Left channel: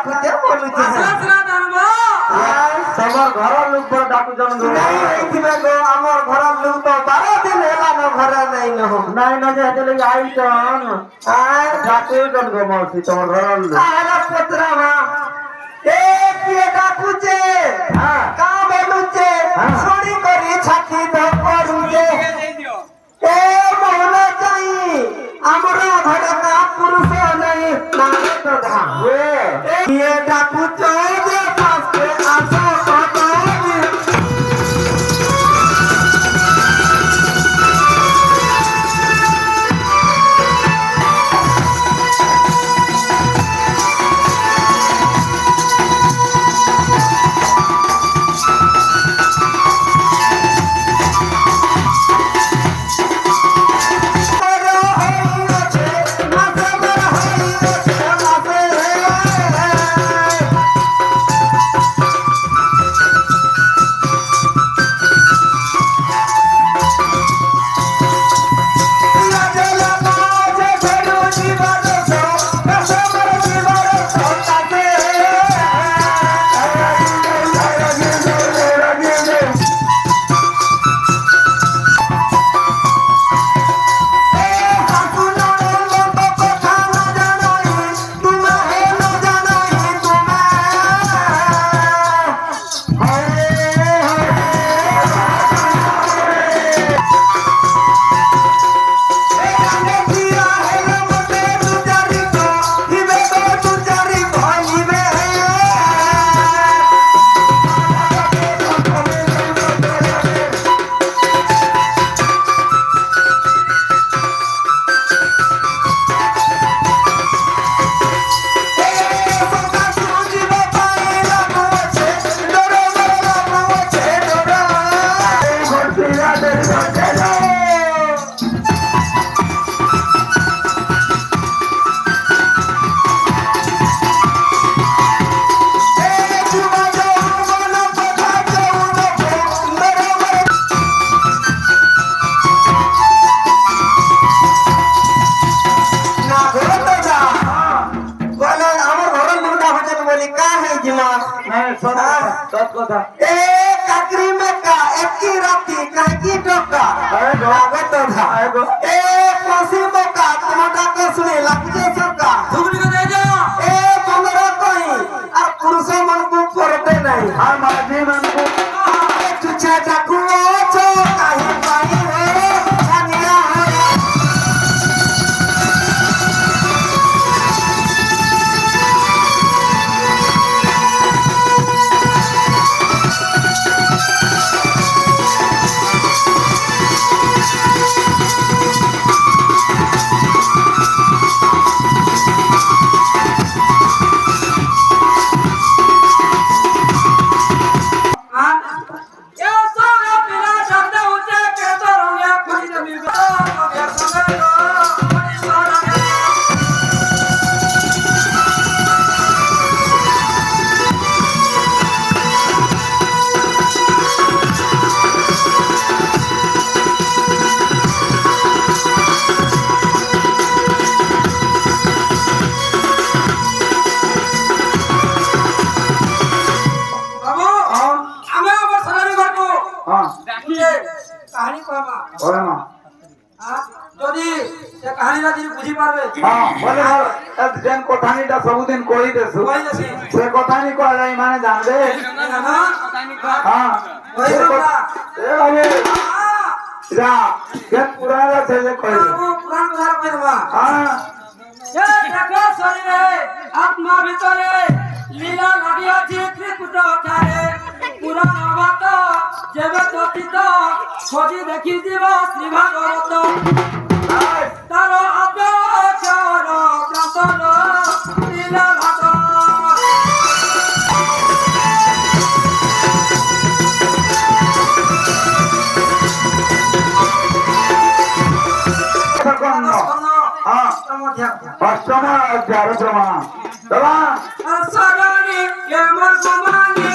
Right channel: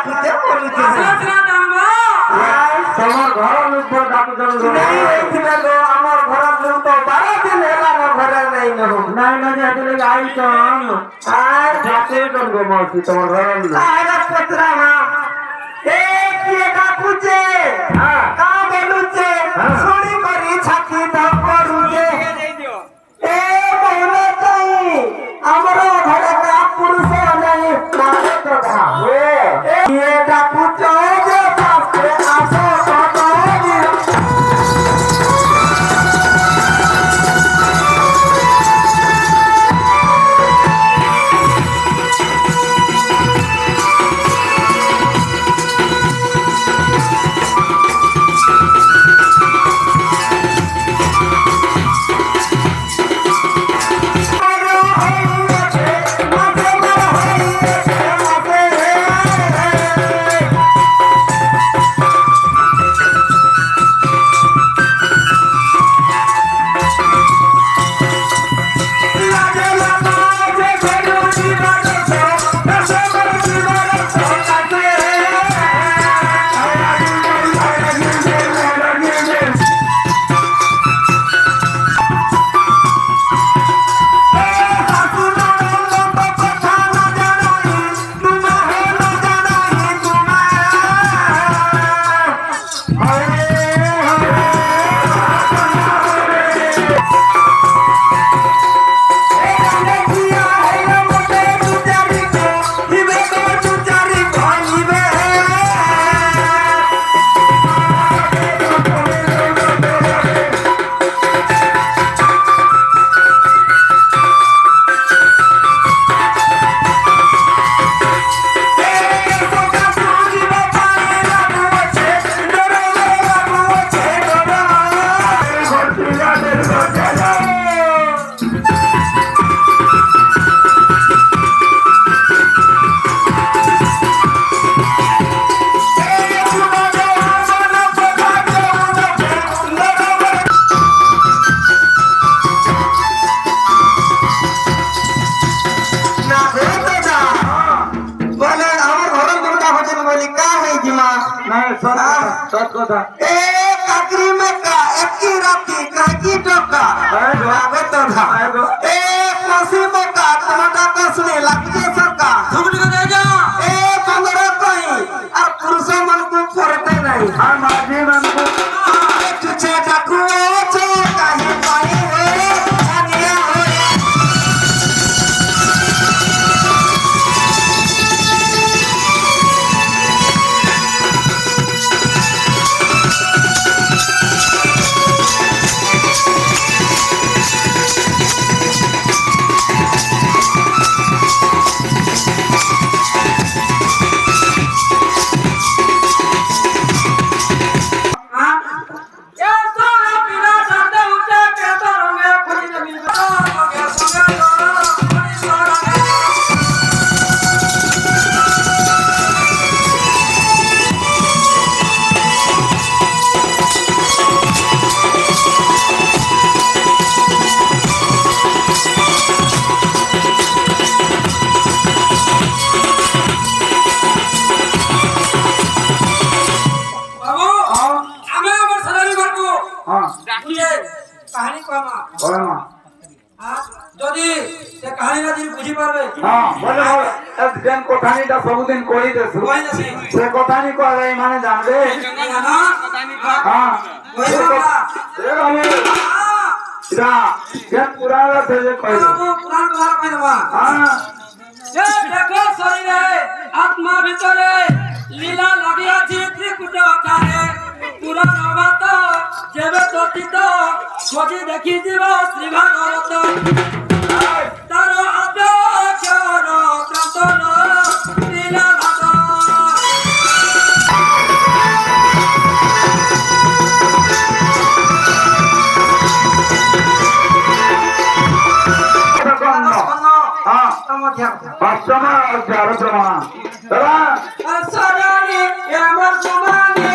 ডাকুতে বলুছে তোমার ঘর লোক ডাকুজন নাই এইছিলা গো আমার ঘরের লোক তো 12 দিন হেলা মো ঘরে নাই নহ নাই না যে এতলে আইছন আর ডাকে কোন গো মাসি তোমার ঘর লোক আরে পত্রা মা এ কি ডাকুছে কা বলুছে ছড়ি করি ছাকি তো করুছে এ মনে চাই আমার ঘরে কা পুরুষ নাই না তো ধা এ ডাকুছে যে পাশে আসো सत कथा ए काकरी में का एकी राती काकी टोका लागत था ए कोसी में का टमाटा को सुने लगजे सरका सुगड़ी को दे जा ए बंगड़ा कोई आ पुरुष मन को करते नहीं हां माजी मन को तुझे डाकू छे काहे पाई है छनिया होए कहानी कहमा ओमा যদি সে কাহিনীটা দিন বুঝি পারবে हां बोले एक दिन कथानीटा सबुदिन कहि देसु কই দেছি से कथानी कहलाई माने जानबे জানো কথানি কহ हां কই বাবা ए बाबू इरा ये पुराना से ये कहि दे পুরাণ কথা কই দেবা हां এ দেখো শরীরে আত্মা ভিতরে লীলা লাগিয়াছি ত্রিকুট আকারে পুরাণ বাত যেবে ততিত খোঁজি দেখি দিব শ্রী ভাগবত তার আদর প্রান্তন লীলা ভাত অষ্টম অধ্যায় চলা চলা সরণি এমন গুমানি